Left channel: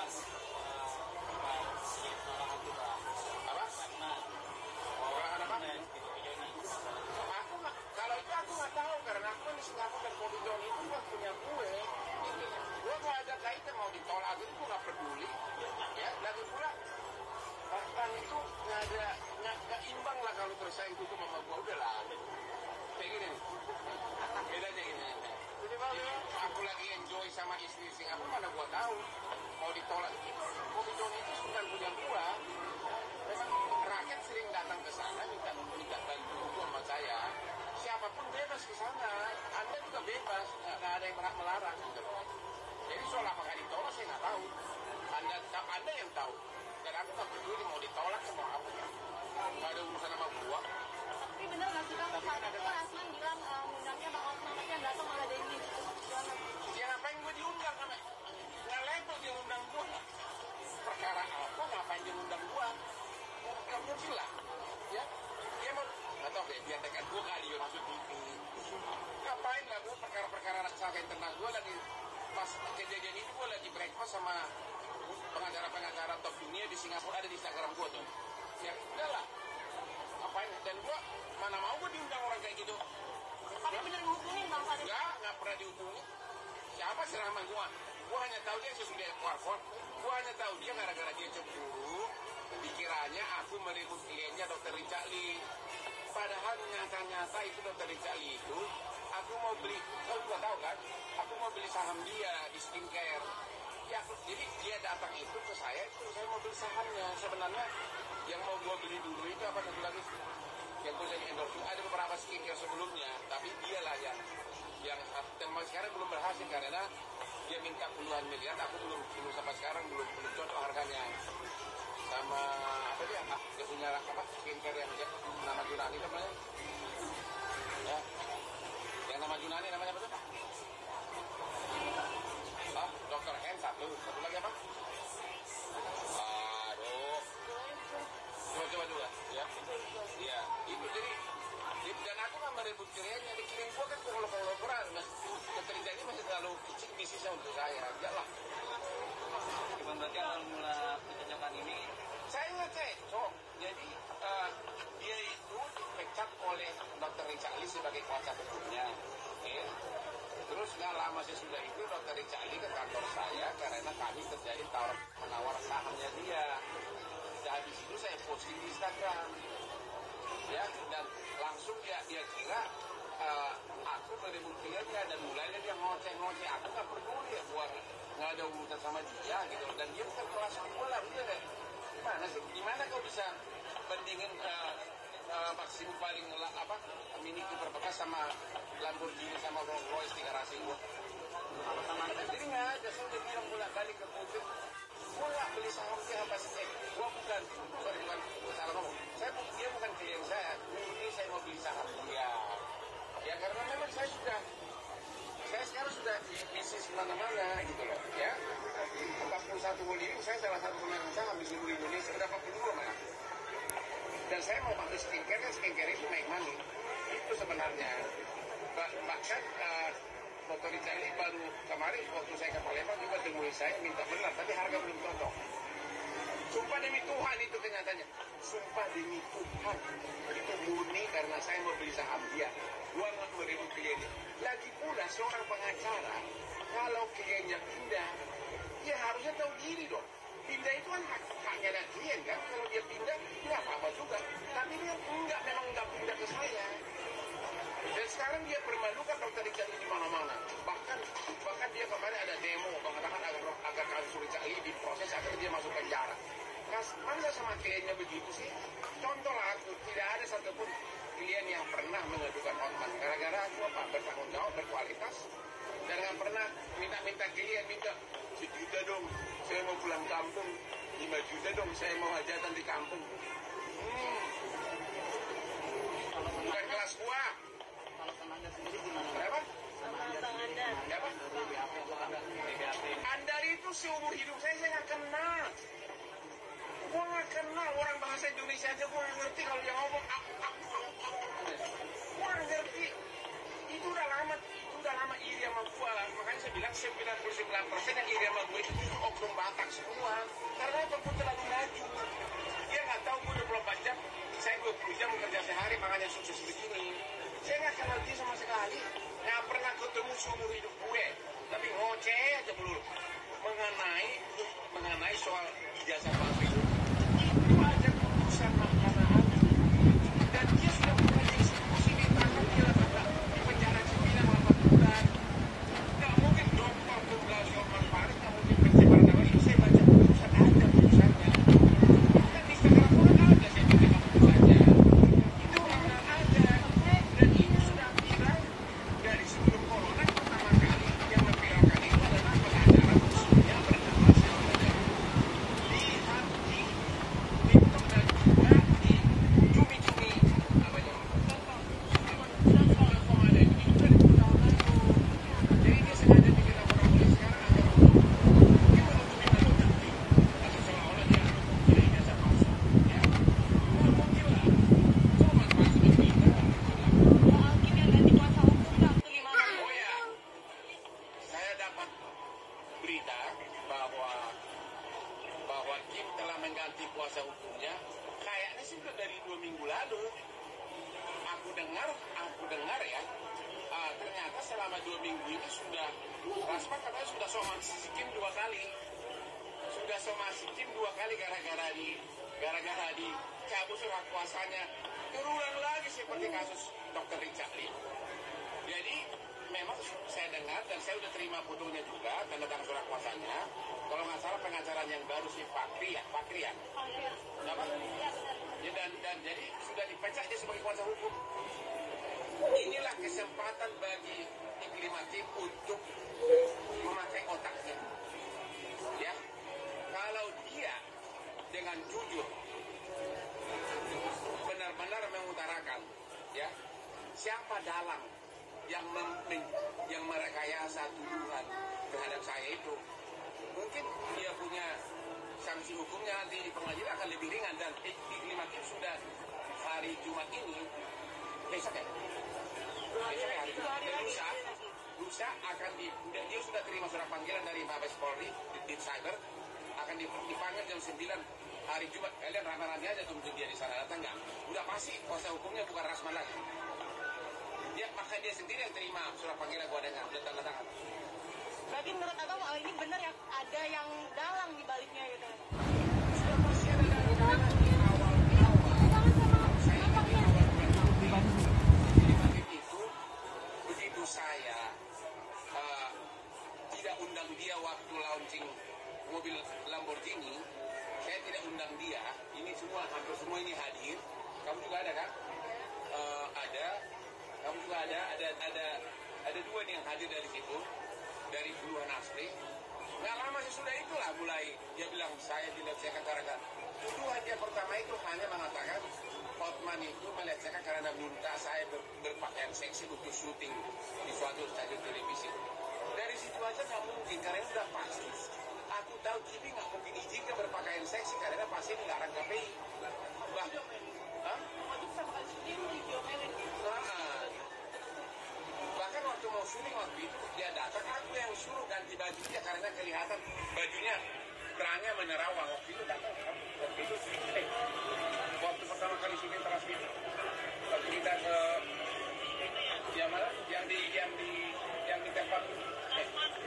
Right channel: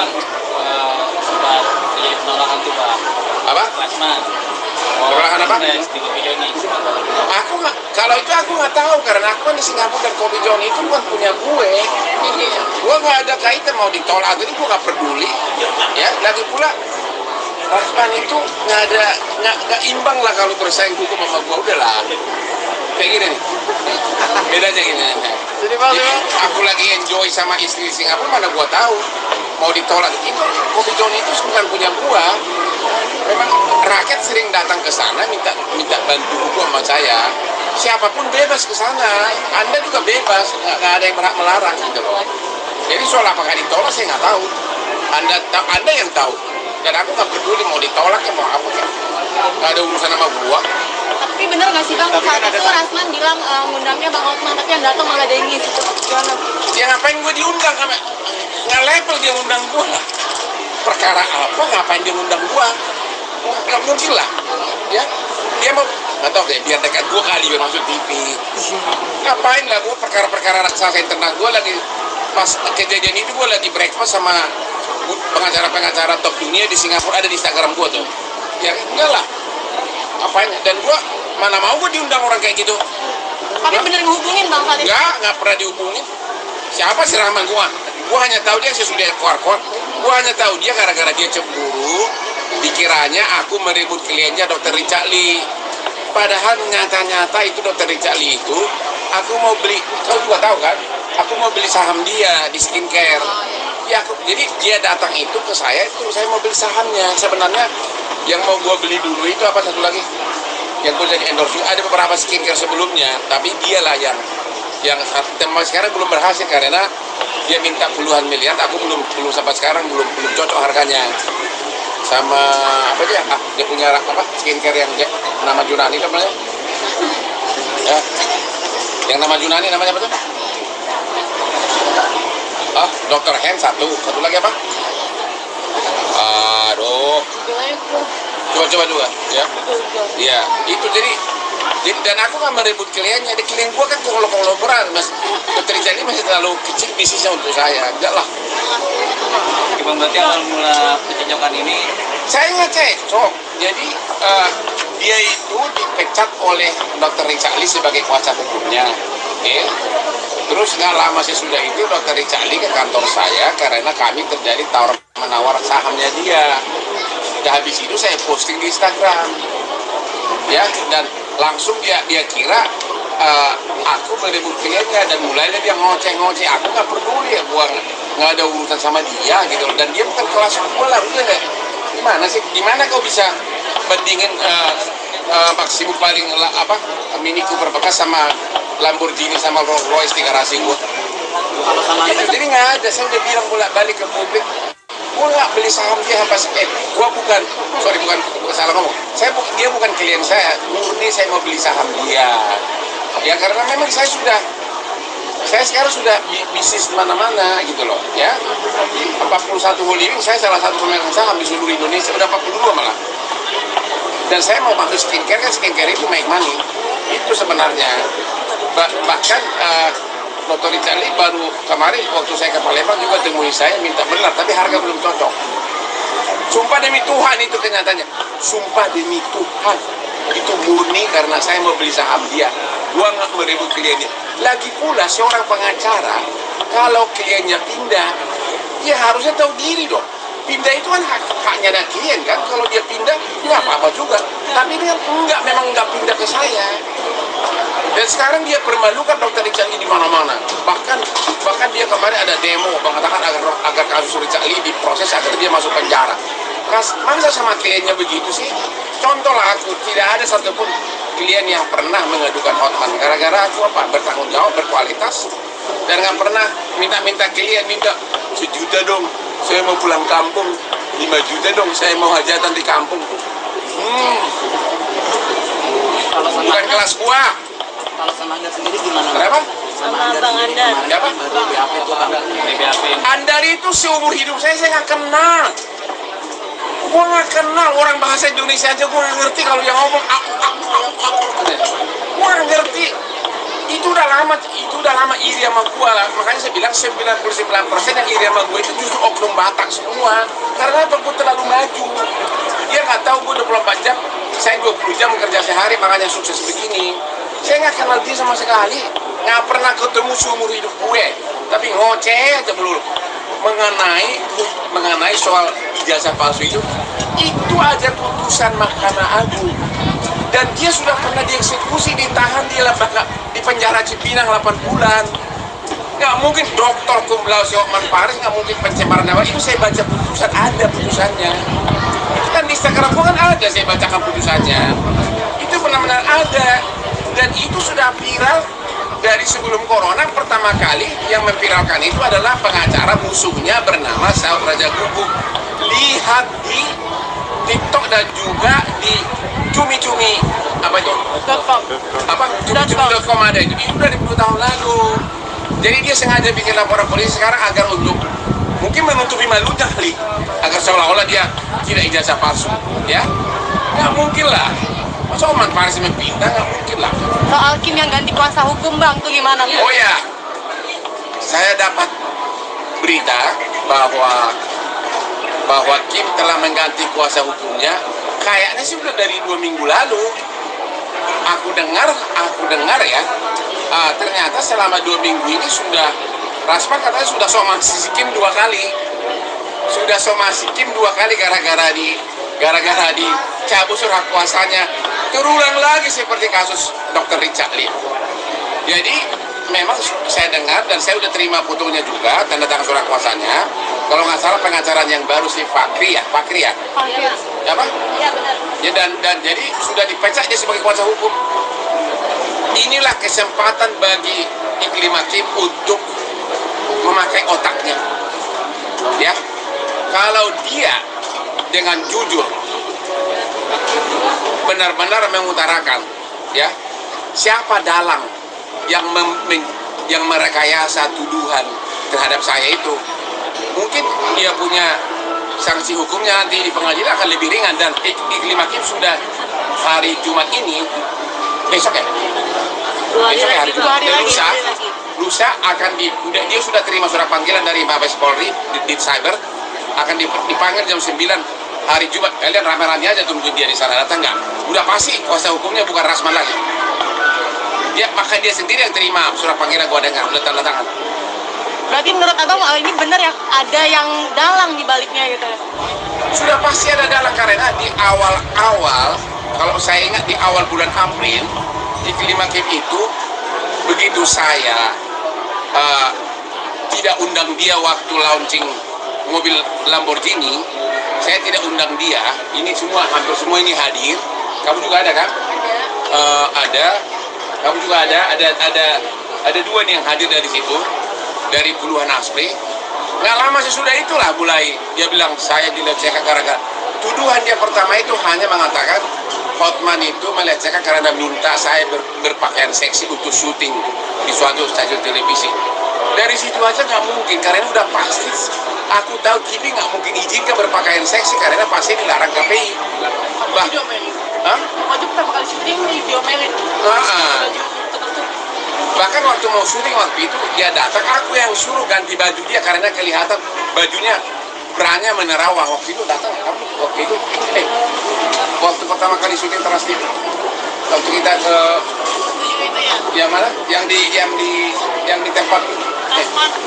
Bang, sempat terjadi penolakan tuh Bang. Apa? Klasman. Penolakan apa? Di Kopi Joni. Aku nggak, kalau itu aku nggak tahu karena aku kan di Singapura dan Kopi John itu bukan punya gue. Gue nggak ada kaitan mau ditolak, jadi gue nggak peduli. Ya, lagi pula Rasman itu nggak imbang lah kalau bersaing hukum sama gue, udahlah. Kayak gini nih. Bedanya gini. Jadi aku lagi enjoy sama istri di Singapura, mana gue tahu mau ditolak. Itu Kopi John itu bukan punya gue. Memang rakyat sering datang ke sana minta bantu hukum sama saya. Siapapun bebas ke sana. Anda juga bebas, nggak ada yang berhak melarang gitu loh. Jadi soal apakah ditolak saya nggak tahu. Anda yang tahu. Dan aku nggak peduli mau ditolak ya mau apa ya. Nggak ada urusan sama gua. Tapi bener nggak sih Bang, saat itu Rasman bilang ngundangnya Bang Hotman, tapi yang datang malah Dengis. Gimana? Ya ngapain gua diundang sama? Nggak level dia undang gua lah. Perkara apa ngapain dia undang gua? Nggak mungkin lah. Ya, dia mau nggak tahu deh, biar dekat gua kali biar masuk TV. Ngapain lah gua perkara-perkara raksasa internal gua lagi pas kejadian itu gua lagi breakfast sama pengacara-pengacara top dunia di Singapura, ada di Instagram gua tuh. Ya enggak lah. Apain? Dan gua mana mau gua diundang orang kayak gitu. Tapi bener ngehubungin Bang saat itu? Nggak pernah dihubungin. Siapa sih Rahman gua? Gua hanya tahu dia sesudah keluar. Gua hanya tahu dia gara-gara dia cemburu, dikiranya aku merebut kliennya Dr. Richard Lee. Padahal nyata-nyata itu Dr. Richard Lee itu, aku mau beli, kau juga tahu kan? Aku mau beli saham dia di skincare. Ya, jadi dia datang itu ke saya, itu saya mau beli sahamnya. Sebenarnya yang mau gua beli dulu itu apa satu lagi? Yang gue jadi endorse, ada beberapa skincare sebelumnya, tapi dialah yang sekarang belum berhasil karena dia minta puluhan miliar, aku belum sampai sekarang belum cocok harganya. Sama apa dia punya apa skincare yang nama Junani namanya? Ya. Yang nama Junani namanya apa tuh? Dr. Hen satu lagi apa? Aduh. Coba juga, ya. Iya, itu jadi dan aku nggak merebut kliennya. Di klien gua kan konglomerat, Mas. Dr. Richard ini masih terlalu kecil bisnisnya untuk saya. Enggak lah. Bang, berarti awal mula pencocokan ini Saya nggak cocok. Jadi dia itu dipecat oleh Dr. Richard Lee sebagai kuasa hukumnya. Oke. Terus nggak lama sesudah itu Dr. Richard Lee ke kantor saya karena kami terjadi tawar-menawar sahamnya dia. Dan habis itu saya posting di Instagram. Ya, dan langsung dia kira aku merebut kliennya dan mulainya dia ngoceh-ngoceh. Aku nggak peduli ya, gua nggak ada urusan sama dia gitu. Dan dia bukan kelas gua lah, udah deh. Gimana kau bisa bandingin Maximo paling Mini Cooper bekas sama Lamborghini sama Rolls Royce di garasi gua? Jadi nggak ada. Saya udah bilang bolak-balik ke publik. Gue nggak beli saham dia gue bukan salah ngomong. Dia bukan klien saya, murni saya mau beli saham dia. Ya karena memang saya sekarang sudah bisnis mana-mana gitu loh, ya. 41 holding, saya salah satu pemegang saham di seluruh Indonesia, udah 42 malah. Dan saya mau masuk skincare, kan skincare itu make money. Itu sebenarnya. Bahkan Dr. Richard Lee baru kemarin waktu saya ke Palembang juga temui saya minta benar, tapi harga belum cocok. Sumpah demi Tuhan itu kenyataannya. Sumpah demi Tuhan itu murni karena saya mau beli saham dia. Gua nggak merebut kliennya. Lagi pula seorang pengacara kalau kliennya pindah, ya harusnya tahu diri dong. Pindah itu kan haknya ada klien kan. Kalau dia pindah nggak apa-apa juga. Tapi dia memang nggak pindah ke saya. Dan sekarang dia permalukan Dr. Richard Lee di mana-mana. Bahkan dia kemarin ada demo mengatakan agar kasus Richard Lee diproses agar dia masuk penjara. Masa sama kliennya begitu sih? Contoh lah aku, tidak ada satupun klien yang pernah mengadukan Hotman. Gara-gara aku bertanggung jawab, berkualitas. Dan nggak pernah minta klien, minta 1 juta dong, saya mau pulang kampung. 5 juta dong, saya mau hajatan di kampung. Bukan kelas gua. kalau sama Anda sendiri gimana? Kenapa? Sama Bang Andar. Siapa? BAP itu Bang, BAP. Andar itu seumur hidup saya nggak kenal. Gua nggak kenal orang bahasa Indonesia aja gua nggak ngerti kalau yang ngomong. Gua nggak ngerti. itu udah lama iri sama gua lah. Makanya saya bilang 99% yang iri sama gua itu justru oknum Batak semua. Karena apa? Gua terlalu maju. Dia nggak tahu gua 24 jam, saya 20 jam kerja sehari, makanya sukses begini. Saya nggak kenal dia sama sekali, nggak pernah ketemu seumur hidup gue. Tapi ngoceh aja melulu mengenai soal ijazah palsu itu aja putusan Mahkamah Agung. Dan dia sudah pernah dieksekusi, ditahan di lembaga di penjara Cipinang 8 bulan. Nggak mungkin Dr. Cum laude Hotman Paris, nggak mungkin pencemaran nama. Itu saya baca putusan, ada putusannya. Itu kan di Instagram kan ada, saya bacakan putusannya. Itu benar-benar ada. Dan itu sudah viral dari sebelum corona. Pertama kali yang memviralkan itu adalah pengacara musuhnya bernama Saud Raja Guguk. Lihat di TikTok dan juga di cumi-cumi apa itu? Cumi.com ada itu dari 10 tahun lalu. Jadi dia sengaja bikin laporan polisi sekarang agar untuk mungkin menutupi malunya kali, agar seolah-olah dia tidak ijazah palsu, ya? Nggak mungkin lah. Masa Hotman Paris pindah, nggak mungkin lah. Soal Kim yang ganti kuasa hukum bang, tuh gimana? Oh ya, saya dapat berita bahwa Kim telah mengganti kuasa hukumnya. Kayaknya sih udah dari 2 minggu lalu. Aku dengar ya. Ternyata selama 2 minggu ini sudah Rasman katanya sudah somasi Kim 2 kali. Sudah somasi Kim 2 kali gara-gara dicabut surat kuasanya. Terulang lagi seperti kasus Dr. Richard Lee. Jadi memang saya dengar dan saya udah terima fotonya juga, tanda tangan surat kuasanya. Kalau nggak salah pengacara yang baru si Fakri ya? Apa? Iya benar. Ya, dan jadi sudah dipecat dia sebagai kuasa hukum. Inilah kesempatan bagi Iklim Hakim untuk memakai otaknya. Ya, kalau dia dengan jujur benar-benar mengutarakan, ya, siapa dalang yang merekayasa tuduhan terhadap saya itu, mungkin dia punya sanksi hukumnya nanti di pengadilan akan lebih ringan. Dan Iklim Hakim sudah hari Jumat ini, besok ya? Besok ya hari Jumat. Lusa akan dia sudah terima surat panggilan dari Mabes Polri di cyber, akan dipanggil jam 9 hari Jumat. Kalian rame-rame aja tunggu dia di sana, datang nggak? Udah pasti kuasa hukumnya bukan Rasman lagi. Ya, maka dia sendiri yang terima surat panggilan, gua dengar udah tanda tangan. Berarti menurut abang ini benar ya, ada yang dalang di baliknya gitu? Sudah pasti ada dalang, karena di awal-awal, kalau saya ingat di awal bulan April, Iklim Hakim itu begitu saya tidak undang dia waktu launching mobil Lamborghini, saya tidak undang dia. Ini semua, hampir semua ini hadir. Kamu juga ada kan? Ada. Kamu juga ada. Ada 2 nih yang hadir dari situ, dari puluhan asli. Nggak lama sesudah itulah mulai dia bilang saya dilecehkan gara-gara tuduhan dia pertama itu hanya mengatakan Hotman itu melecehkan karena minta saya berpakaian seksi untuk syuting di suatu stasiun televisi. Dari situ aja nggak mungkin, karena udah pasti. Aku tahu TV nggak mungkin izinkan berpakaian seksi karena pasti dilarang KPI. Waktu pertama kali syuting diomelin. Bahkan waktu mau syuting waktu itu dia datang, aku yang suruh ganti baju dia karena kelihatan bajunya beranya menerawang. Waktu itu datang kamu waktu itu waktu pertama kali syuting Trans TV, waktu kita ke yang mana yang di tempat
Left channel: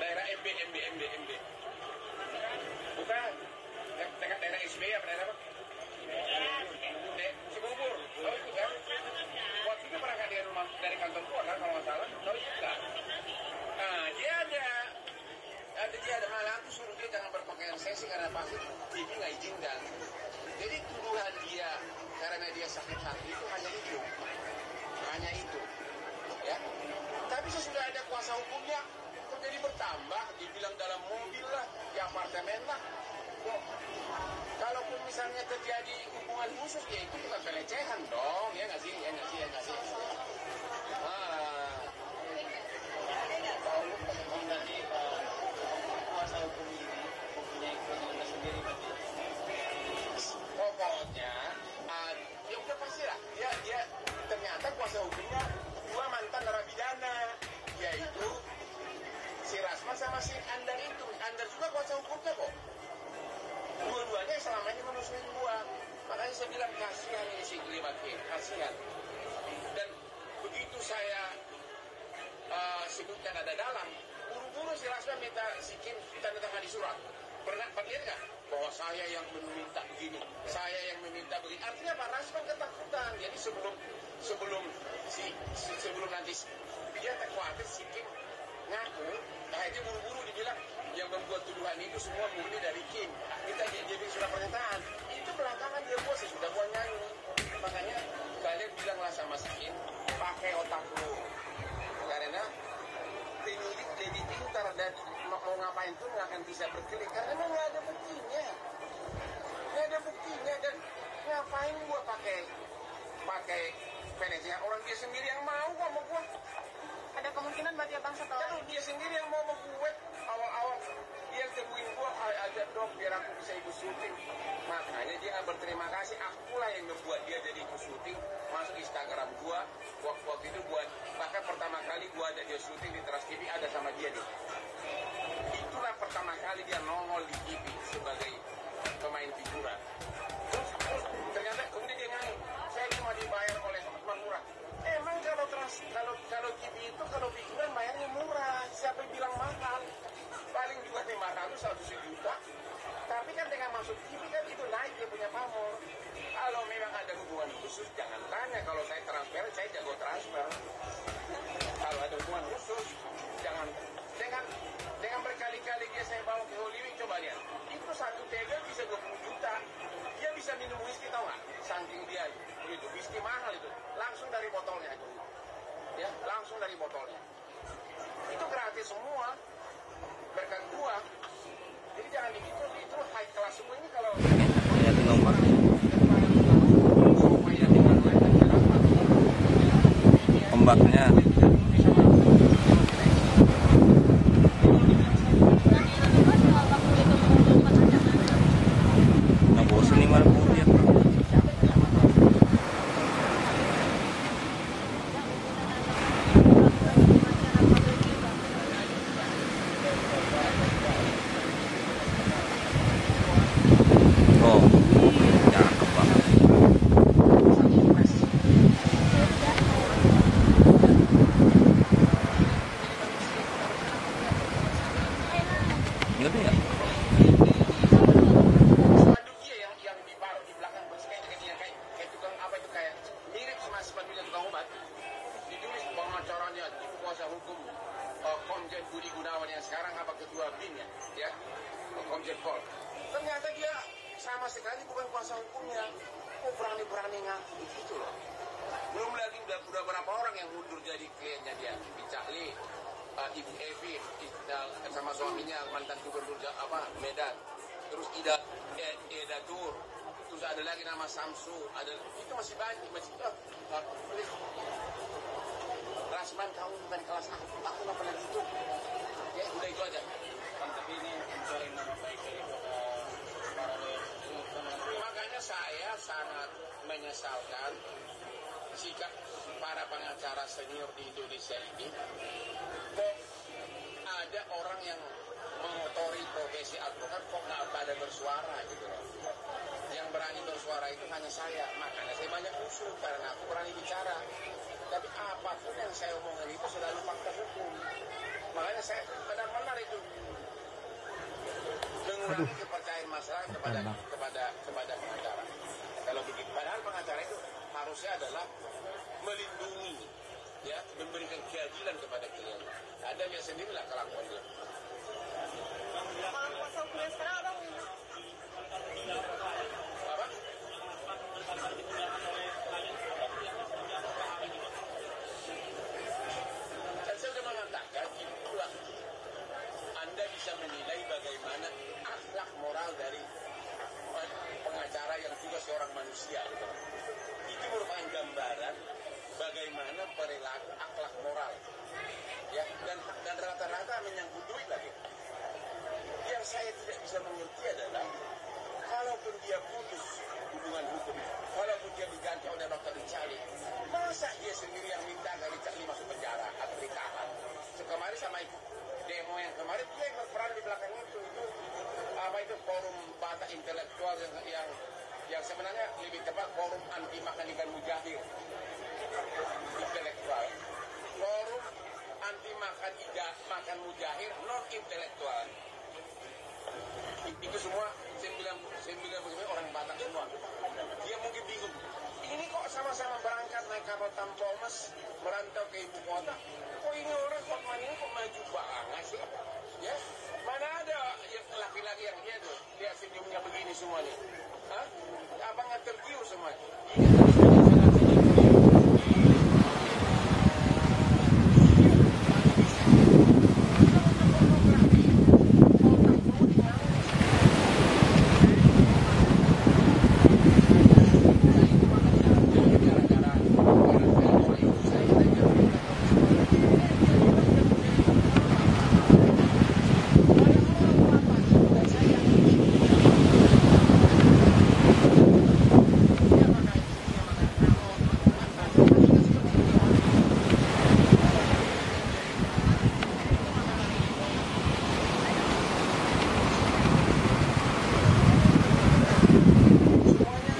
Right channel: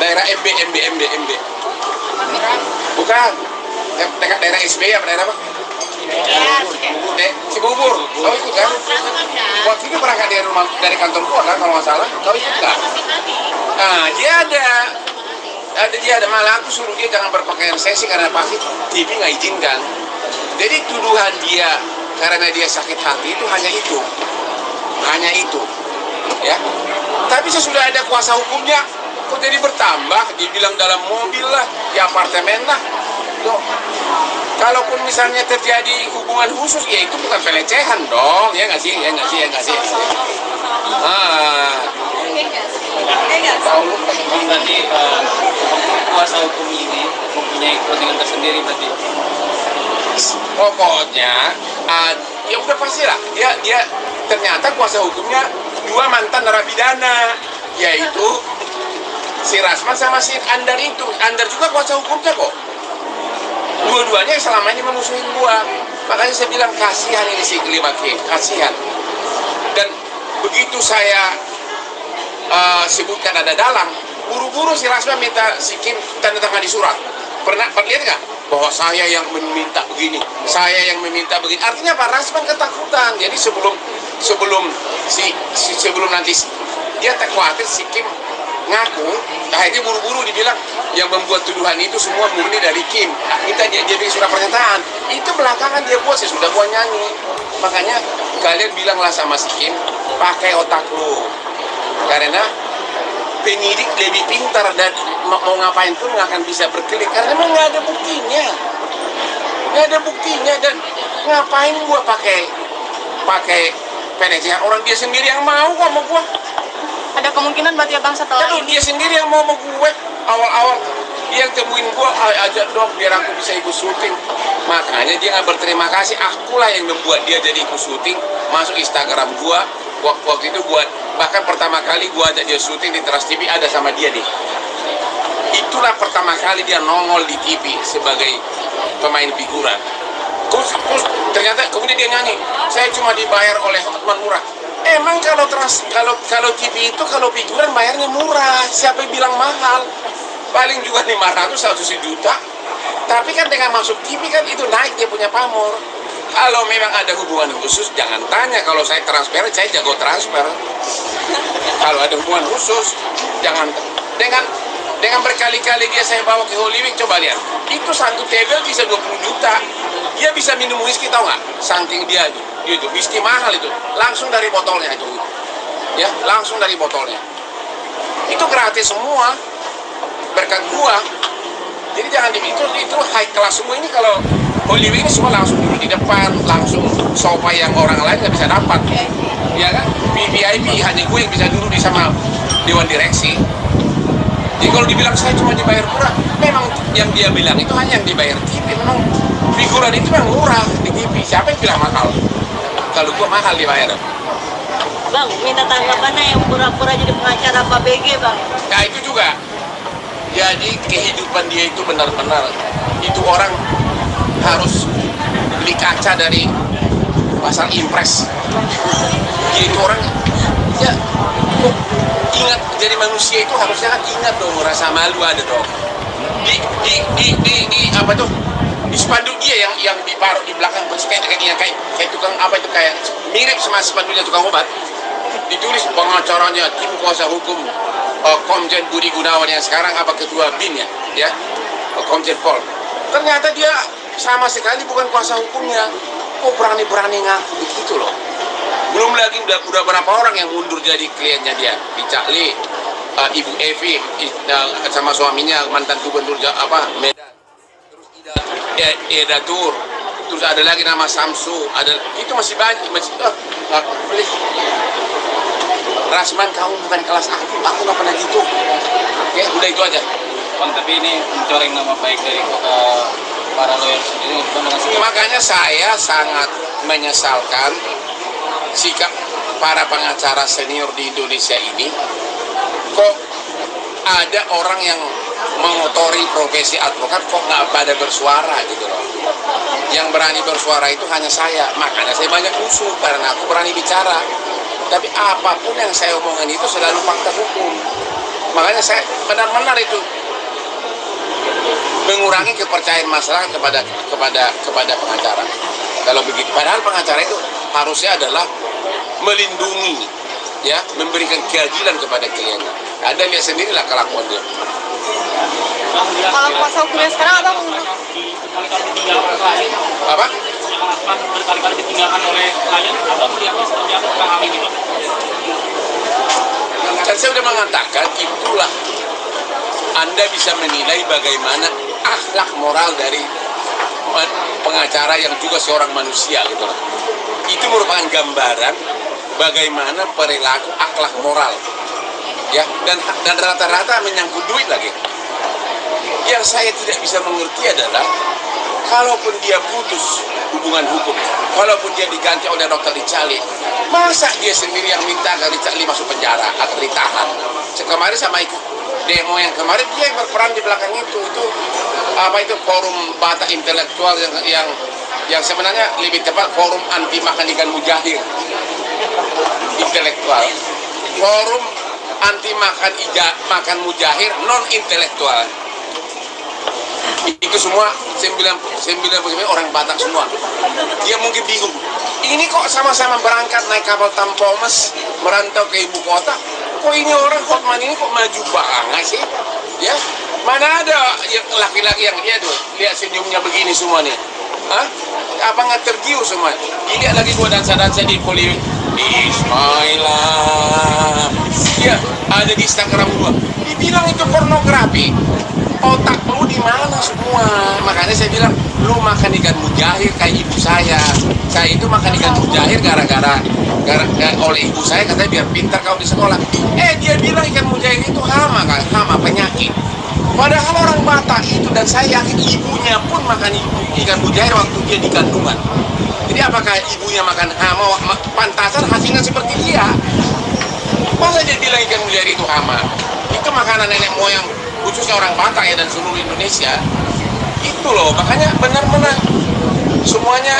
daerah MB bukan dekat daerah SB apa daerah apa Cibubur. Kau ikut kan? Waktu itu berangkat dari kantor gua kan kalau nggak salah. Kau ikut nggak? Nah, dia ada malah aku suruh dia jangan berpakaian seksi karena pasti TV nggak izinkan. Jadi tuduhan dia karena dia sakit hati itu hanya itu, ya. Tapi sesudah ada kuasa hukumnya, kok jadi bertambah? Dibilang dalam mobil lah, di apartemen lah. Loh, kalaupun misalnya terjadi hubungan khusus, ya itu bukan pelecehan dong, ya nggak sih? Berarti kuasa hukum ini mempunyai kepentingan tersendiri berarti. Pokoknya ya udah pasti lah dia ternyata kuasa hukumnya dua mantan narapidana, yaitu si Rasman sama si Andar itu. Andar juga kuasa hukumnya kok. Dua-duanya selama ini memusuhin gua. Makanya saya bilang kasihan ini si Limaki, kasihan. Dan begitu saya sebutkan ada dalang, buru-buru si Rasman minta si Kim tanda tangan di surat. Pernah lihat nggak? Bahwa saya yang meminta begini, saya yang meminta begini. Artinya Pak Rasman ketakutan. Jadi sebelum nanti dia tak khawatir si Kim ngaku, akhirnya buru-buru dibilang yang membuat tuduhan itu semua murni dari Kim. Kita dia bikin surat pernyataan. Itu belakangan dia buat, sudah buat nyanyi. Makanya kalian bilanglah sama si Kim, pakai otak lu. Karena penyidik lebih pintar dan mau ngapain pun nggak akan bisa berkelit karena memang nggak ada buktinya, dan ngapain gua pakai penasihat orang dia sendiri yang mau kok sama gua. Ada kemungkinan berarti ya Bang setelah Kalau dia sendiri yang mau sama gue, awal-awal dia yang temuin gue, ajak dong biar aku bisa ikut syuting. Makanya dia nggak berterima kasih, akulah yang membuat dia jadi ikut syuting, masuk Instagram gue. Waktu itu gue, bahkan pertama kali gue ajak dia syuting di Trans TV, ada sama dia nih. Itulah pertama kali dia nongol di TV sebagai pemain figuran. Terus ternyata kemudian dia nyanyi, saya cuma dibayar oleh Hotman Murah. Emang kalau TV itu kalau figuran bayarnya murah, siapa yang bilang mahal? Paling juga 500 1 juta. Tapi kan dengan masuk TV kan itu naik dia punya pamor. Kalau memang ada hubungan khusus jangan tanya, kalau saya transfer saya jago transfer. Kalau ada hubungan khusus jangan dengan berkali-kali dia saya bawa ke Hollywood, coba lihat. Itu satu tebel bisa 20 juta. Dia bisa minum whisky, tahu nggak? Saking dia itu whisky mahal itu, langsung dari botolnya itu, ya langsung dari botolnya. Itu gratis semua berkat gua. Jadi jangan itu high class semua ini. Kalau Hollywood ini semua langsung duduk di depan, langsung sofa yang orang lain nggak bisa dapat, ya kan? VIP hanya gue yang bisa duduk di sama dewan direksi. Jadi kalau dibilang saya cuma dibayar murah, memang yang dia bilang itu hanya yang dibayar TV. Memang figuran itu memang murah di TV. Siapa yang bilang mahal? Kalau gua mahal dibayar. Bang, minta tanggapannya yang pura-pura jadi pengacara Pak BG, Bang. Nah itu juga. Jadi kehidupan dia itu benar-benar, itu orang harus beli kaca dari pasar impres. Dia itu orang, ya kok ingat jadi manusia itu harusnya kan ingat dong, rasa malu ada dong. Di apa tuh? Di spanduk dia yang ditaruh di belakang kayak tukang apa itu, kayak mirip sama spanduknya tukang obat, ditulis pengacaranya tim kuasa hukum Komjen Budi Gunawan yang sekarang apa ketua BIN ya Komjen Pol. Ternyata dia sama sekali bukan kuasa hukumnya. Kok berani ngaku begitu loh. Belum lagi udah berapa orang yang mundur jadi kliennya dia, Richard Lee, Ibu Evi sama suaminya mantan gubernur Medan. Eda Tur, terus ada lagi nama Samsu, itu masih banyak, please. Rasman, kamu bukan kelas aku nggak pernah gitu. Oke, udah itu aja. Bang, tapi ini mencoreng nama baik dari para lawyer sendiri. Makanya saya sangat menyesalkan sikap para pengacara senior di Indonesia ini. Kok ada orang yang mengotori profesi advokat kok nggak pada bersuara gitu loh. Yang berani bersuara itu hanya saya. Makanya saya banyak musuh karena aku berani bicara. Tapi apapun yang saya omongin itu selalu fakta hukum. Makanya saya benar-benar itu mengurangi kepercayaan masyarakat kepada pengacara. Kalau begitu, padahal pengacara itu harusnya adalah melindungi, ya, memberikan keadilan kepada kliennya. Anda lihat sendirilah kelakuan dia. Kalau kuasa hukumnya sekarang Abang Apa? Berkali-kali ditinggalkan oleh klien, Abang melihatnya seperti apa tentang hal ini, Bang? Kan saya sudah mengatakan itulah Anda bisa menilai bagaimana akhlak moral dari pengacara yang juga seorang manusia gitu loh. Itu merupakan gambaran bagaimana perilaku akhlak moral, ya, dan rata-rata menyangkut duit lagi. Yang saya tidak bisa mengerti adalah kalaupun dia putus hubungan hukum, kalaupun dia diganti oleh Dr. Richali, masa dia sendiri yang minta agar Richali masuk penjara atau ditahan? Kemarin sama ikut demo yang kemarin, dia yang berperan di belakang itu apa itu forum Batak intelektual yang sebenarnya lebih tepat forum anti makan ikan mujahir intelektual, forum anti makan mujahir non intelektual. Itu semua 99% orang Batak semua. Dia mungkin bingung, ini kok sama-sama berangkat naik kapal Tampomas merantau ke ibu kota, kok ini orang Hotman ini kok maju banget sih, ya? Mana ada laki-laki yang lihat senyumnya begini semua nih? Hah? Apa nggak tergiur semua? Dilihat lagi gua dansa-dansa di poli Ismailah. Ya, ada di Instagram gua. Dibilang itu pornografi. Otak lu di mana semua? Makanya saya bilang, lu makan ikan mujahir kayak ibu saya. Saya itu makan ikan mujahir gara-gara oleh ibu saya katanya biar pintar kau di sekolah. Dia bilang ikan mujahir itu hama kan, hama penyakit. Padahal orang Batak itu, dan saya yakin ibunya pun makan ikan mujahir waktu dia di kandungan. Jadi apakah ibunya makan hama, pantasan hasilnya seperti dia? Masa dia bilang ikan mujahir itu hama? Itu makanan nenek moyang, khususnya orang Batak ya, dan seluruh Indonesia. Itu loh, makanya benar-benar semuanya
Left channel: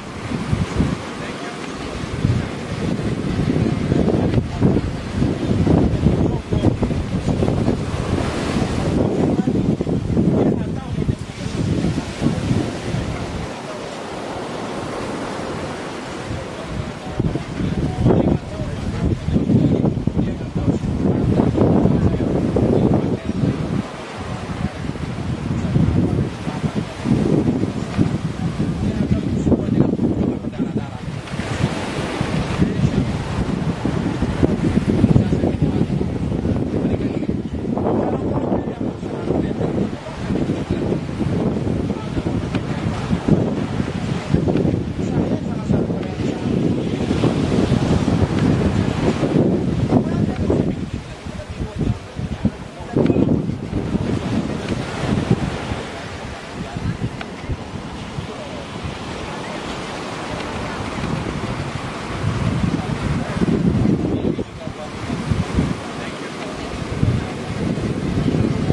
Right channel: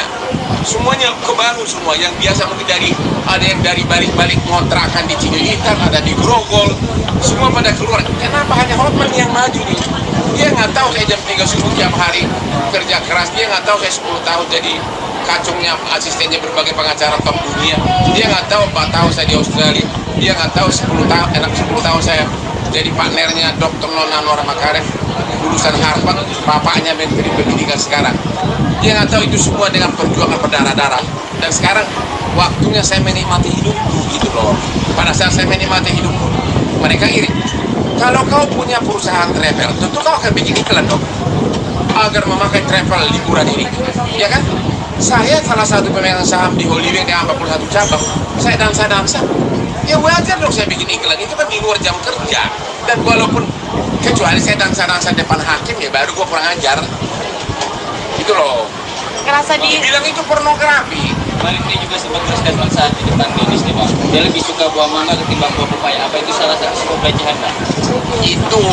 kebaru semua. Yang biasa mungkin ada yang dari balik-balik kontrakan di Cililitan, ada di Grogol, semua pada keluar. Kenapa hanya Hotman yang maju nih? Dia nggak tahu saya jam 3 subuh tiap hari kerja keras. Dia nggak tahu saya 10 tahun jadi kacungnya, asistennya berbagai pengacara top dunia. Dia nggak tahu 4 tahun saya di Australia. Dia nggak tahu 10 tahun saya jadi partnernya Dr. Nona Nora Makarim, lulusan Harvard, bapaknya Menteri Pendidikan sekarang. Dia nggak tahu itu semua dengan perjuangan berdarah-darah. Dan sekarang waktunya saya menikmati hidupku gitu loh. Pada saat saya menikmati hidupku, mereka iri. Kalau kau punya perusahaan travel, tentu kau akan bikin iklan dong, agar memakai travel liburan ini, ya kan? Saya salah satu pemegang saham di Hollywood dengan 41 cabang. Saya dansa-dansa. Ya wajar dong saya bikin iklan, itu kan di luar jam kerja. Dan walaupun kecuali saya dansa-dansa depan hakim, ya baru gua kurang ajar. Itu loh. Ngerasa bilang itu pornografi. Baliknya juga sebagai statement saat di depan Dennis nih Bang. Dia lebih suka buah mangga ketimbang buah pepaya. Apa itu salah satu sebuah pelecehan Bang? Itu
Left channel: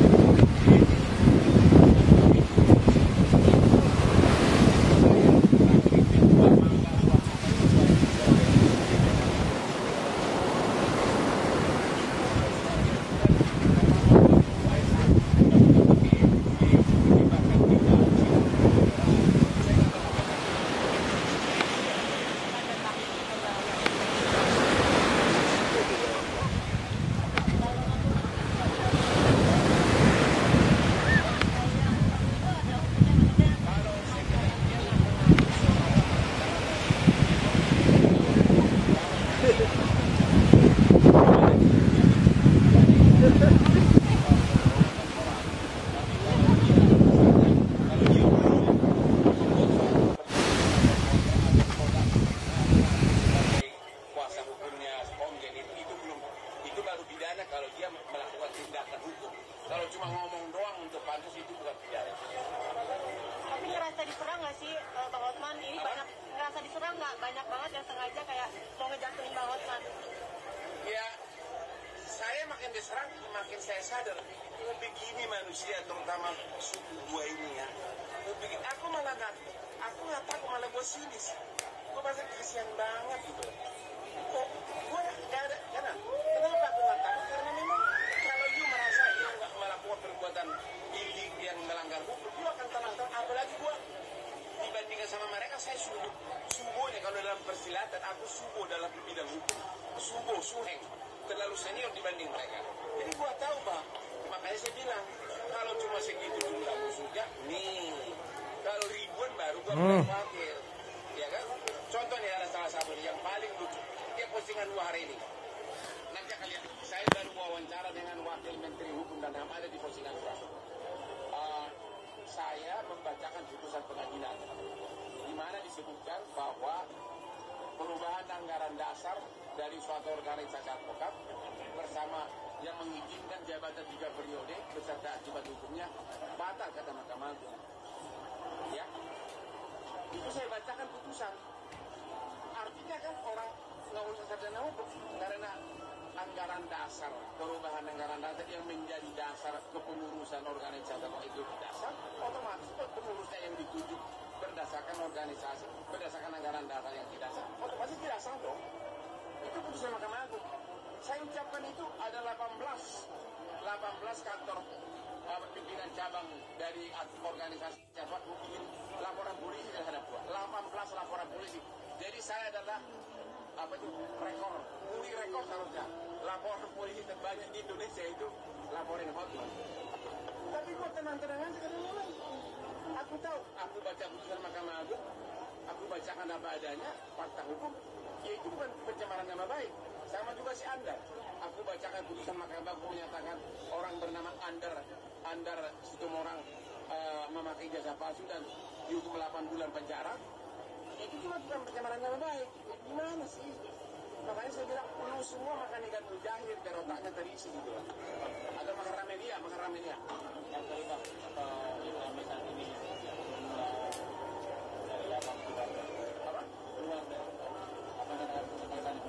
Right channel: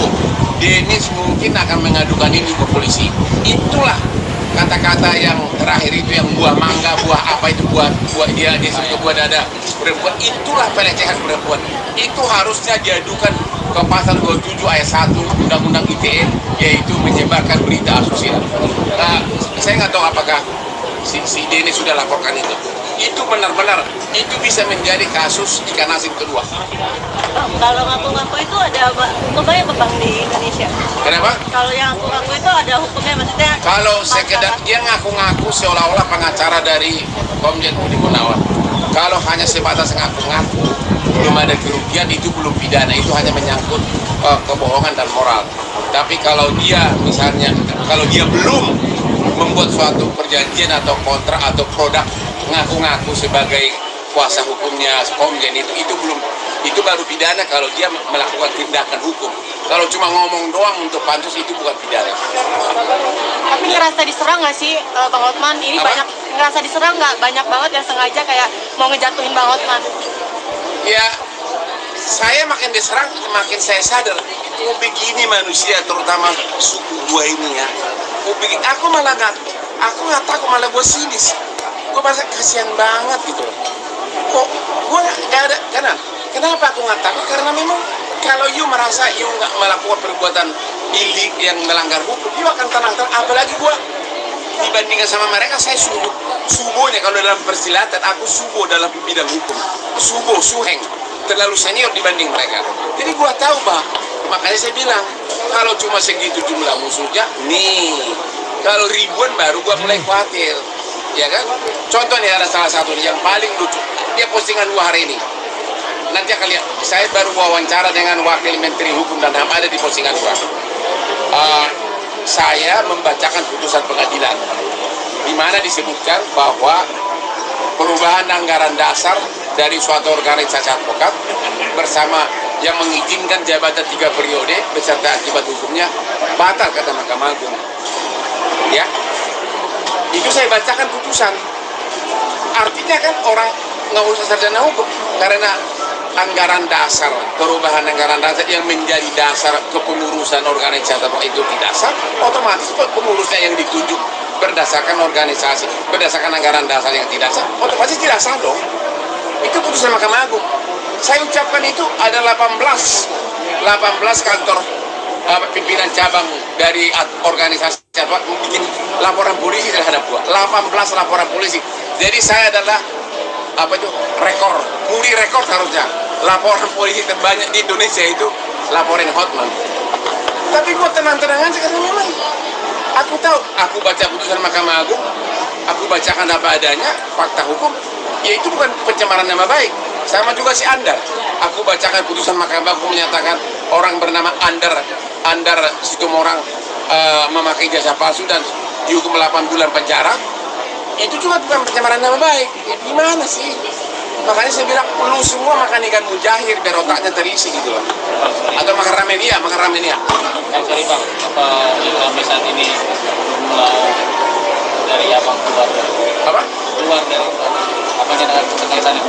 Dennis mungkin akan mengadukan ini ke polisi. Itulah kata-kata yang terakhir itu, yang buah mangga, buah apa itu, buah dia sebut buah dada perempuan, itulah pelecehan perempuan. Itu harusnya diadukan ke pasal 27 ayat 1 Undang-Undang ITE, yaitu menyebarkan berita asusila. Nah, saya nggak tahu apakah si Dennis sudah laporkan itu. Itu benar-benar, itu bisa menjadi kasus ikan asin kedua. Kalau ngaku-ngaku itu ada hukumnya apa Bang di Indonesia? Kenapa? Kalau yang ngaku-ngaku itu ada hukumnya, maksudnya? Kalau sekedar dia ngaku-ngaku seolah-olah pengacara dari Komjen Budi Gunawan. Kalau hanya sebatas ngaku-ngaku, belum ada kerugian, itu belum pidana. Itu hanya menyangkut kebohongan dan moral. Tapi kalau dia misalnya, kalau dia belum membuat suatu perjanjian atau kontrak atau produk, ngaku-ngaku sebagai kuasa hukumnya Komjen, itu belum, itu baru pidana kalau dia melakukan tindakan hukum. Kalau cuma ngomong doang untuk pansus, itu bukan pidana. Tapi ngerasa diserang nggak sih Bang Hotman? Ini apa? banyak ngerasa diserang nggak? Banyak banget yang sengaja kayak mau ngejatuhin Bang Hotman. Ya, saya makin diserang, makin saya sadar. Itu begini manusia, terutama suku gua ini ya. Aku malah nggak takut, malah gue sinis. Gue merasa kasihan banget gitu. Kok gue nggak ada, kenapa aku nggak takut? Karena memang kalau you merasa you nggak melakukan perbuatan ilik yang melanggar hukum, you akan tenang-tenang. Apalagi gue dibandingkan sama mereka, saya subonya kalau dalam persilatan, aku subo dalam bidang hukum. Suheng, terlalu senior dibanding mereka. Jadi gue tahu bah, makanya saya bilang, kalau cuma segitu jumlah musuhnya, nih, kalau ribuan baru gua mulai khawatir, ya kan? Contoh nih, ada salah satu yang paling lucu, dia postingan 2 hari ini. Nanti akan lihat, saya baru wawancara dengan Wakil Menteri Hukum dan HAM, ada di postingan 2. Saya membacakan putusan pengadilan, di mana disebutkan bahwa perubahan anggaran dasar dari suatu organisasi advokat bersama yang mengizinkan jabatan 3 periode beserta akibat hukumnya batal, kata Mahkamah Agung. Ya, Itu saya bacakan putusan. Artinya kan orang nggak usah sarjana hukum, karena anggaran dasar, perubahan anggaran dasar yang menjadi dasar kepengurusan organisasi itu tidak sah, otomatis pengurusnya yang ditunjuk berdasarkan organisasi, berdasarkan anggaran dasar yang tidak sah, otomatis tidak sah dong. Itu putusan Mahkamah Agung. Saya ucapkan itu ada 18 kantor pimpinan cabang dari organisasi bikin laporan polisi terhadap gua. 18 laporan polisi. Jadi saya adalah muri rekor harusnya. Laporan polisi terbanyak di Indonesia itu laporan Hotman. Tapi gua tenang-tenang aja karena memang aku tahu, aku baca putusan Mahkamah Agung, aku bacakan apa adanya, fakta hukum, ya itu bukan pencemaran nama baik. Sama juga si Andar. Aku bacakan putusan Mahkamah Agung menyatakan orang bernama Andar Situmorang memakai jasa palsu dan dihukum 8 bulan penjara. Itu juga bukan pencemaran nama baik. Ya, gimana sih? Makanya saya bilang, lu semua makan ikan mujahir biar otaknya terisi gitu loh. Atau makan ramenia. Sorry Bang, apa sampai saat ini mulai dari abang keluar? Apa? Keluar dari apa dengan kaitannya?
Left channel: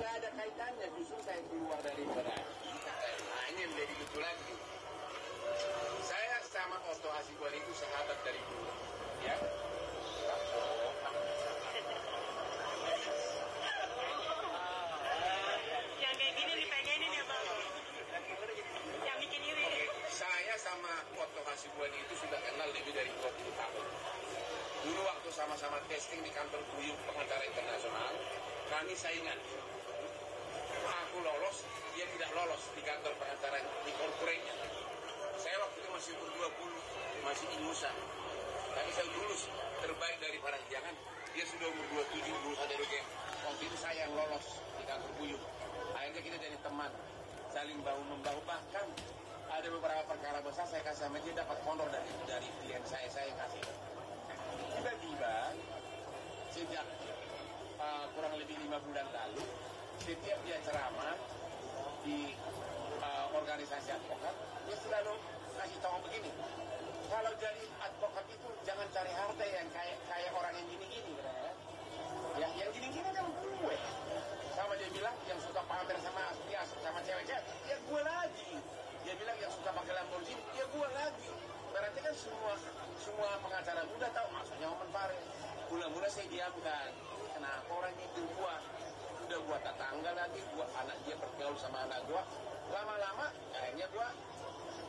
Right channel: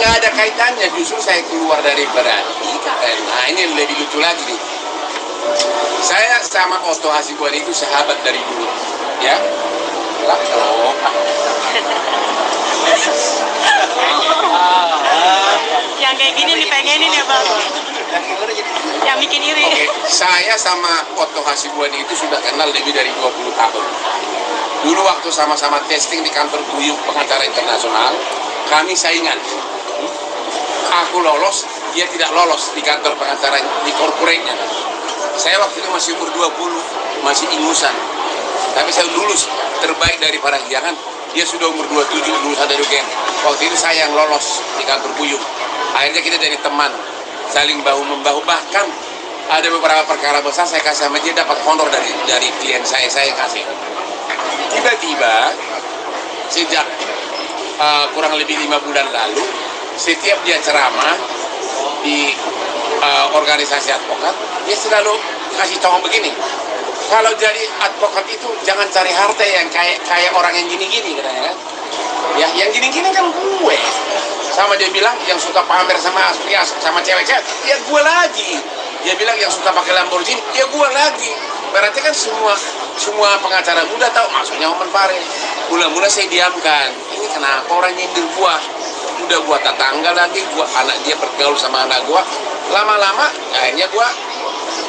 Nggak ada kaitannya, justru saya keluar dari IKN. Nah ini lebih lucu lagi nih. Saya sama Otto Hasibuan itu sahabat dari dulu, ya. Yang kayak gini dipengenin ya Bang. Yang bikin iri. Oke, saya sama Otto Hasibuan itu sudah kenal lebih dari 20 tahun. Dulu waktu sama-sama testing di kantor Guyup Pengacara Internasional, kami saingan. Aku lolos, dia tidak lolos di kantor pengacara di korporatnya. Saya waktu itu masih umur 20, masih ingusan. Tapi saya lulus terbaik dari para hiangan. Dia sudah umur 27, lulusan dari UGM. Waktu itu saya yang lolos di kantor Guyup. Akhirnya kita jadi teman, saling bahu-membahu. Bahkan ada beberapa perkara besar saya kasih sama dia, dapat honor dari klien saya kasih. Tiba-tiba sejak kurang lebih 5 bulan lalu, setiap dia ceramah di organisasi advokat, dia selalu kasih contoh begini. Kalau jadi advokat itu jangan cari harta yang kayak orang yang gini-gini katanya kan. Ya, yang gini-gini kan gue. Sama dia bilang yang suka pamer sama cewek-cewek, ya gue lagi. Dia bilang yang suka pakai Lamborghini, ya gue lagi. Berarti kan semua pengacara muda tahu maksudnya Oman Pare. Mula-mula saya diamkan. Ini kenapa orang nyindir gua? Udah gua tetangga lagi, gua anak dia bergaul sama anak gua. Lama-lama akhirnya gua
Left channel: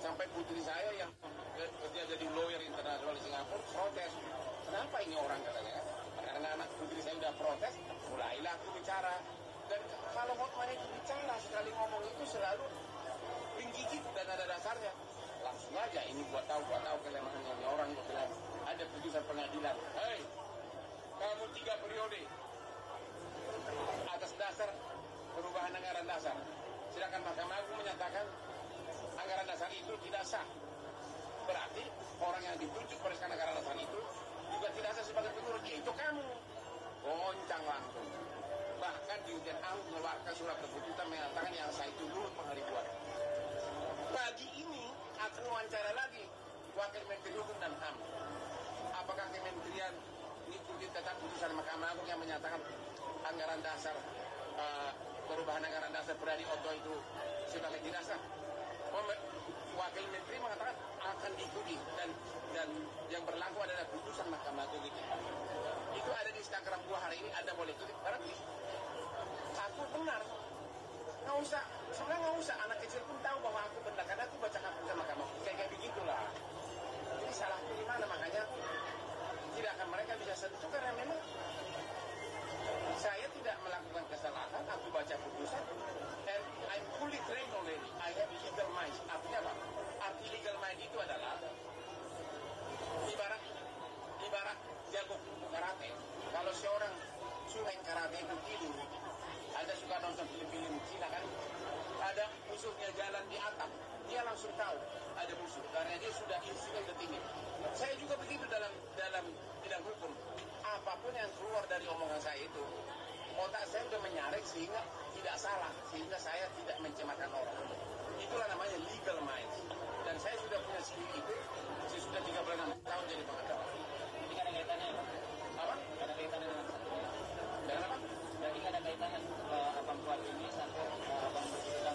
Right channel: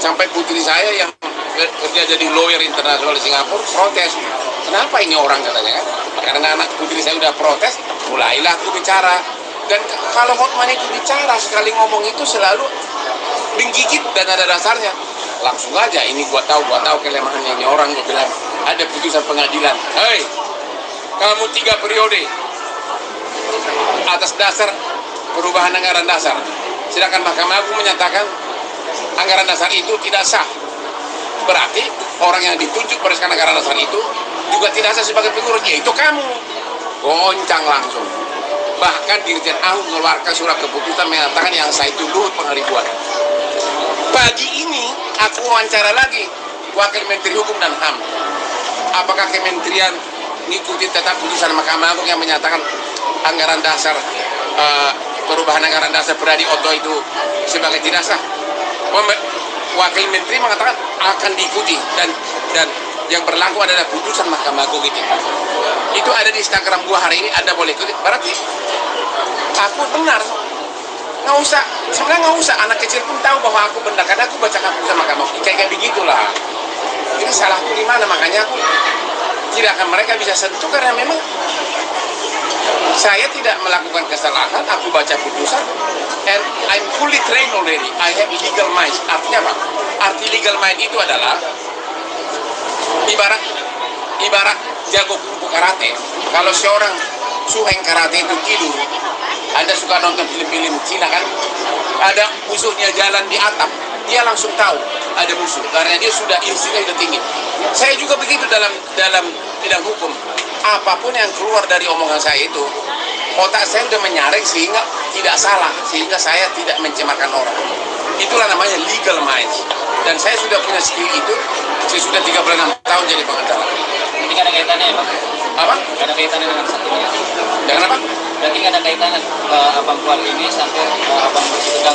sampai putri saya yang kerja jadi lawyer internasional di Singapura protes. Kenapa ini orang katanya kan? Karena anak putri saya udah protes, mulailah aku bicara. Dan kalau Hotman itu bicara sekali ngomong itu selalu menggigit dan ada dasarnya. Langsung aja, ini gua tahu kelemahannya ini orang. Gua bilang ada putusan pengadilan. Hei, kamu 3 periode atas dasar perubahan anggaran dasar. Sedangkan Mahkamah Agung menyatakan anggaran dasar itu tidak sah. Berarti orang yang ditunjuk berdasarkan anggaran dasar itu juga tidak sah sebagai pengurus. Yaitu kamu. Goncang langsung. Bahkan Dirjen Agung mengeluarkan surat keputusan mengatakan yang sah itu Luhut Pangaribuan. Pagi ini aku wawancara lagi Wakil Menteri Hukum dan HAM. Apakah kementerian mengikuti tetap putusan Mahkamah Agung yang menyatakan anggaran dasar perubahan anggaran dasar Pradi Otto itu sebagai tidak sah? Wakil Menteri mengatakan akan diikuti dan yang berlaku adalah putusan Mahkamah Agung itu. Itu ada di Instagram gua hari ini, Anda boleh ikuti. Berarti aku benar. Sebenarnya nggak usah, anak kecil pun tahu bahwa aku benar, karena aku bacakan putusan Mahkamah Agung. Kayak begitulah. Ini salahku di mana, makanya aku tidak akan mereka bisa sentuh, karena memang saya tidak melakukan kesalahan, aku baca putusan, and I'm fully trained already, I have legal mind. Artinya apa? Arti legal mind itu adalah ibarat jago kungfu karate. Kalau seorang suheng karate itu tidur, Anda suka nonton film-film Cina kan? Ada musuhnya jalan di atap, dia langsung tahu ada musuh karena dia sudah instingnya sudah tinggi. Saya juga begitu dalam bidang hukum. Apapun yang keluar dari omongan saya itu, otak saya sudah menyaring sehingga tidak salah, sehingga saya tidak mencemarkan orang. Itulah namanya legal mind. Dan saya sudah punya skill itu. Saya sudah 36 tahun jadi pengacara. Ini kan ada kaitannya ya Bang? Apa? Nggak ada kaitannya dengan satu ini. Dengan apa? Berarti nggak ada kaitannya abang keluar ini sampai abang sedang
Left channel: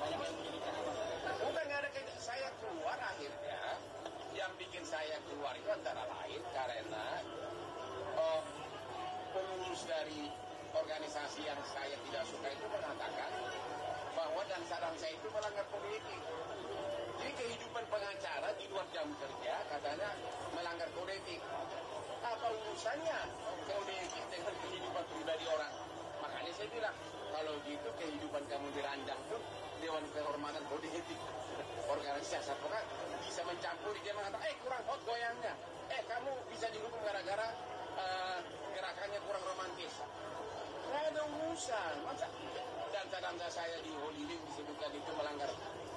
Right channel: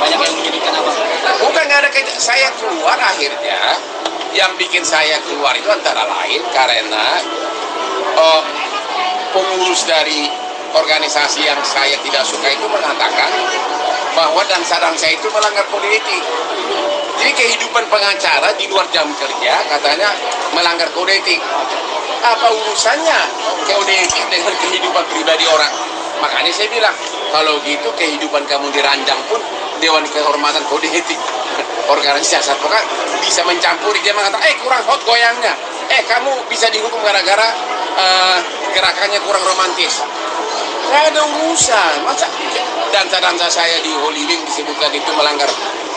banyak yang menyudutkan abang. Bukan, nggak ada kaitan. Saya keluar akhirnya, yang bikin saya keluar itu antara lain karena pengurus dari organisasi yang saya tidak suka itu mengatakan bahwa dansa-dansa itu melanggar kode etik. Jadi kehidupan pengacara di luar jam kerja katanya melanggar kode etik. Apa urusannya kode etik dengan kehidupan pribadi orang? Makanya saya bilang, kalau gitu kehidupan kamu diranjang pun Dewan Kehormatan Kode Etik organisasi advokat bisa mencampuri. Dia mengatakan, kurang hot goyangnya. Kamu bisa dihukum gara-gara gerakannya kurang romantis. Nggak ada urusan. Masa dansa-dansa saya di Holy Wing disebutkan itu melanggar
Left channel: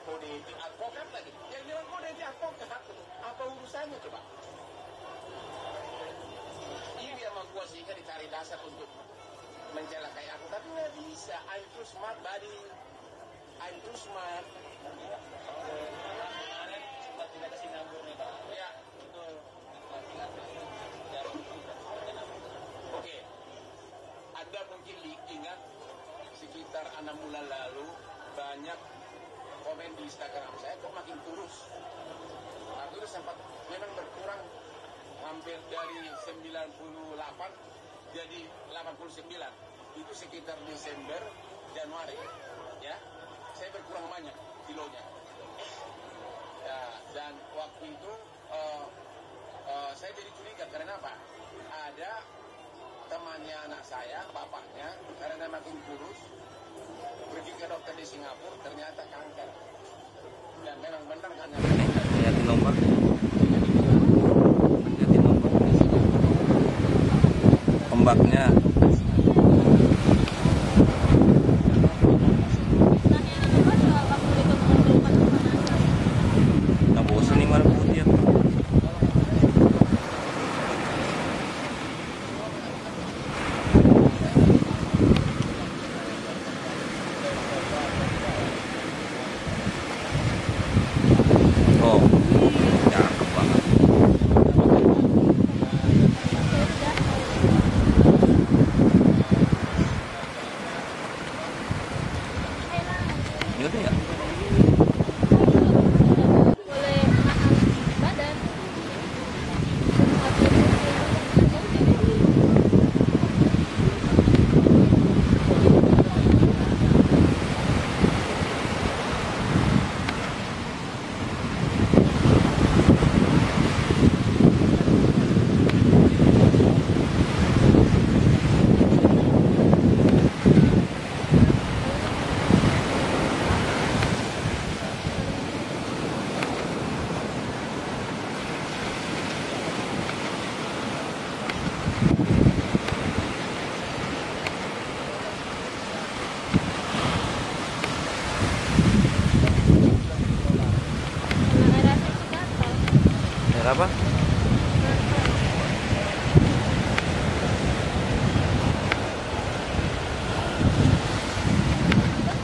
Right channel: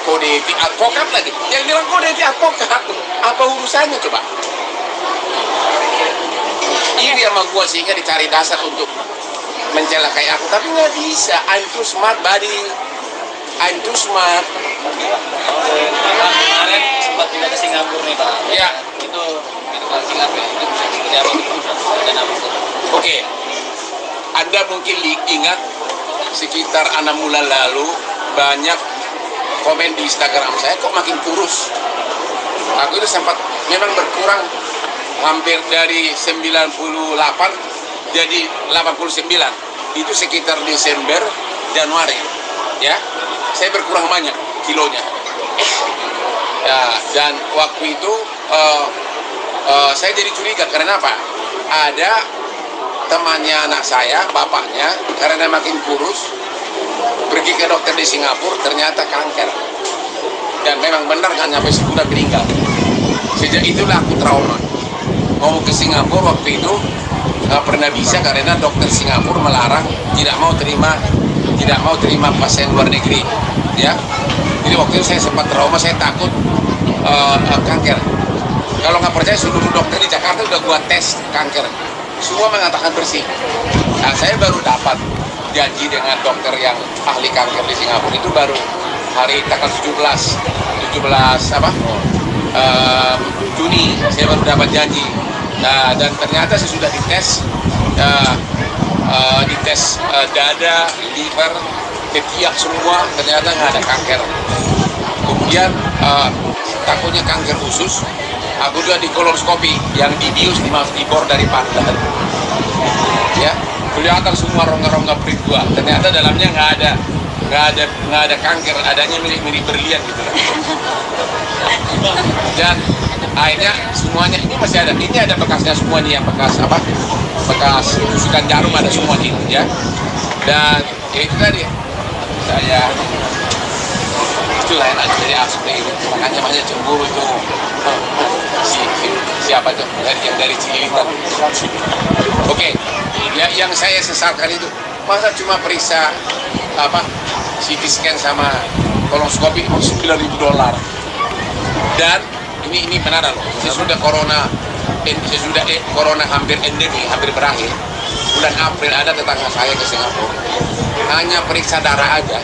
kode etik advokat lagi. Yang bilang kode etik advokat, apa urusannya coba? Ini sama gua sehingga dicari dasar untuk mencelakai aku. Tapi nggak bisa. I'm too smart, buddy. I'm too smart. Pak, kemarin sempat pindah ke Singapura nih Pak. Ya. Itu ke Singapura itu bisa seperti apa? Dan apa? Oke. Anda mungkin ingat sekitar 6 bulan lalu banyak komen di Instagram saya, kok makin kurus. Aku itu sempat memang berkurang hampir dari 98 jadi 89. Itu sekitar Desember, Januari. Ya, saya berkurang banyak kilonya. Ya, dan waktu itu saya jadi curiga karena apa? Ada temannya anak saya, bapaknya, karena makin kurus, pergi ke dokter di Singapura, ternyata kanker. Dan memang benar kan sampai sudah meninggal. Sejak itulah aku trauma. Mau ke Singapura waktu itu nggak pernah bisa karena dokter Singapura melarang, tidak mau terima pasien luar negeri. Ya, jadi waktu itu saya sempat trauma, saya takut kanker. Kalau nggak percaya, seluruh dokter di Jakarta udah gua tes kanker, semua mengatakan bersih. Nah, saya baru dapat janji dengan dokter yang ahli kanker di Singapura itu baru hari tanggal 17 Juni saya baru dapat janji. Nah, dan ternyata saya sudah dites dada, liver, ketiak semua, ternyata nggak ada kanker. Kemudian takutnya kanker usus, aku juga di kolonoskopi yang dibius di bor dari pantat. Ya, kelihatan semua rongga-rongga perut gua. Ternyata dalamnya nggak ada kanker, adanya mirip berlian gitu. Dan akhirnya semuanya ini masih ada. Ini ada bekasnya semua nih, yang bekas tusukan jarum ada semua nih, ya. Dan ya itu tadi saya itulah enak jadi asli itu. Makanya banyak cemburu itu. Siapa tuh yang dari Cililitan? Oke. Ya, yang saya sesalkan itu masa cuma periksa CT scan sama kolonoskopi $9.000. Dan ini benar loh. Sesudah corona hampir endemi, hampir berakhir. Bulan April ada tetangga saya ke Singapura. Hanya periksa darah aja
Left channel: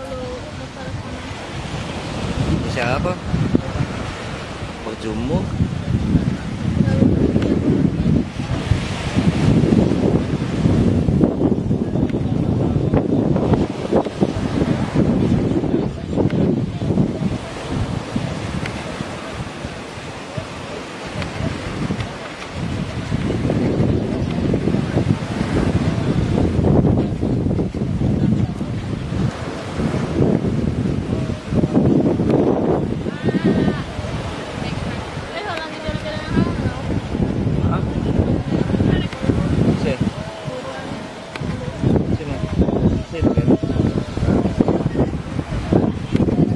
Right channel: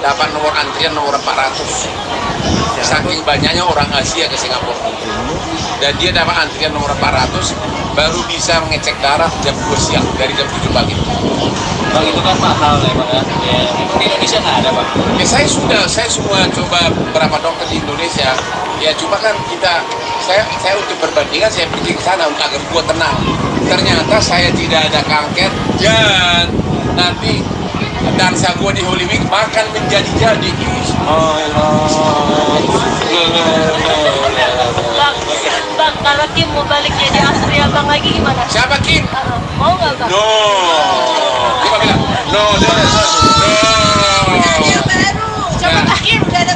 dapat nomor antrian nomor 400. Saking banyaknya orang Asia ke Singapura. Dan dia dapat antrian nomor 400 baru bisa mengecek darah jam 2 siang dari jam 7 pagi. Bang, itu kan mahal ya Bang. Ya, di Indonesia nggak ada Bang. Ya, saya semua coba beberapa dokter di Indonesia. Ya cuma kan saya untuk perbandingan saya pergi ke sana agar gua tenang. Ternyata saya tidak ada kanker dan nanti dansa gua di Holy Wing makan menjadi-jadi. Bang, kalau Kim mau balik jadi asri abang lagi gimana? Siapa Kim? Mau nggak Bang? No. Coba bilang. No. Coba Kim, udah ada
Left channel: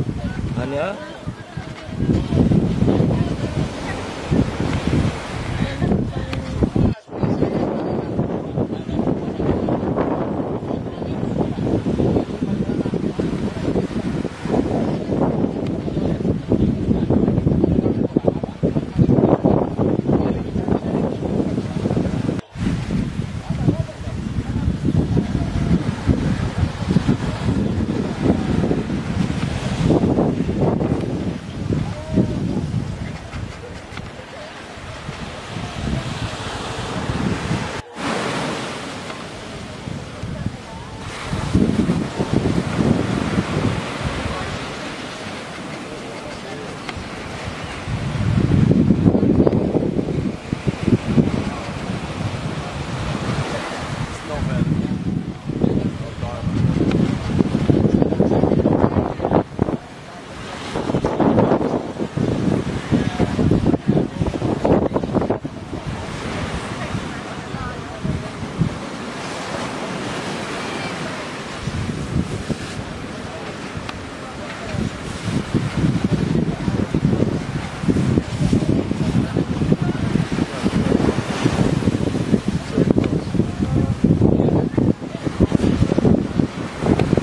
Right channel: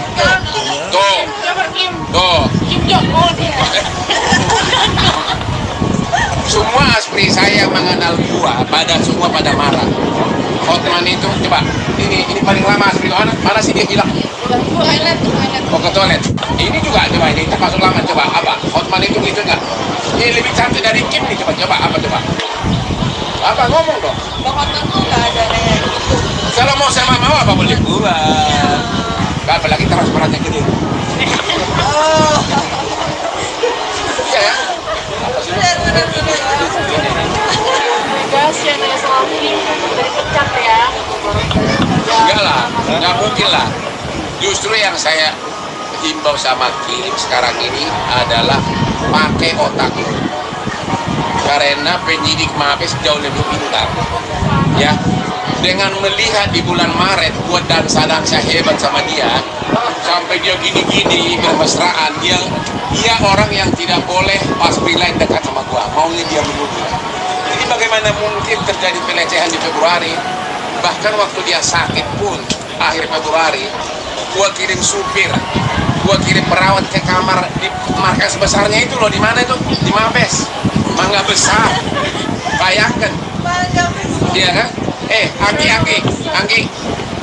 Tuh. Coba Kim. Tuh. Kim Jong-un. Semua aspri saya yang mengenal gua, semua pada marah. Hotman itu, coba, ini paling lama aspri mana sih dia bilang? Toilet. Oh, ke toilet. Ini juga coba, ini termasuk lama, coba apa? Hotman itu gitu nggak? Ini lebih cantik dari Kim nih, coba apa coba? Apa ngomong dong? Bang Hotman tuh nggak ada kayak gitu. Kalau mau sama mau apa boleh buat? Apalagi transparannya gede. Oh. Iya ya? Benar. inilah justru yang saya himbau sama Kim sekarang ini adalah pakai otak lu. Karena penyidik Mabes jauh lebih pintar. Ya, dengan melihat di bulan Maret gua dan Sadangsa hebat sama dia, sampai dia gini-gini bermesraan, dia orang yang tidak boleh pas relax dekat sama gua, maunya dia menunggu. Jadi bagaimana mungkin terjadi pelecehan di Februari? Bahkan waktu dia sakit pun akhir Februari, gua kirim supir, gua kirim perawat ke kamar di markas besarnya itu loh. Di mana itu? Di Mabes, Mangga Besar. Bayangkan. Iya kan? Anggi,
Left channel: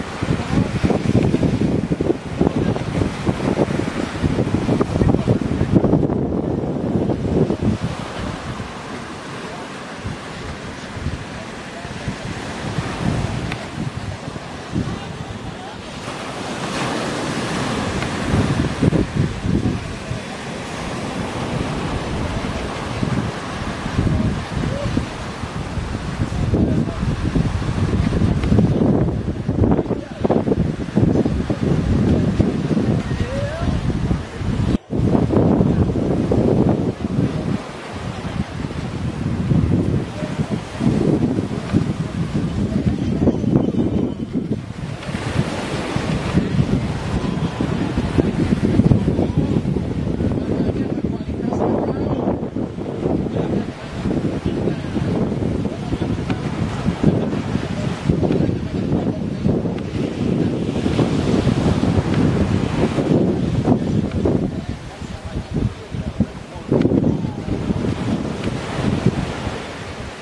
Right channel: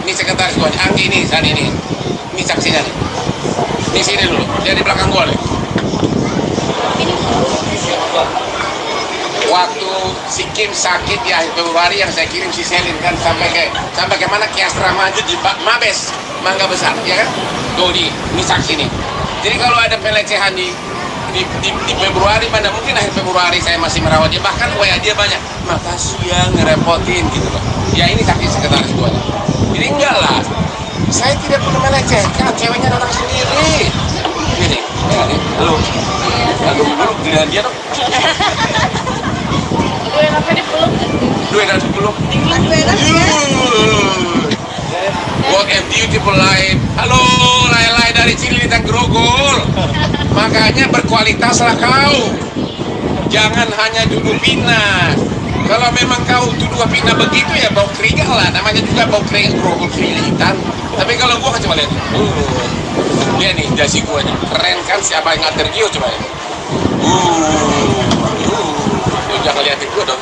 ini sekretaris gua. Anggi ini saat ini saksinya nih. Di sini dulu, dia di belakang gua nih. Waktu si Kim sakit di akhir Februari yang saya kirim si Selin kan sampai ke mana, ke Astra Maju di Mabes, Mangga Besar, ya kan? Tuh ini saksi nih. Jadi kalau ada pelecehan di Februari, pada mungkin akhir Februari saya masih merawat dia, bahkan dia banyak, makasih ya ngerepotin gitu loh. Ya ini saksi sekretaris gua. Jadi enggak lah, saya tidak pernah melecehkan, ceweknya datang sendiri. Gini, halo, dengan dia dong. Gue enaknya dipeluk. Lu enak dipeluk. What a beautiful life. Halo, Lai dari Cililitan Grogol. Makanya berkualitaslah kau. Jangan hanya duduk bina. Kalau memang kau duduk bina begitu ya bau keringat lah. Namanya juga bau keringat Grogol Cililitan. Tapi kalau gua coba lihat. Lihat nih jasi gua nih. Keren kan, siapa yang ngatur Gio coba lihat. Jangan liatin gua dong.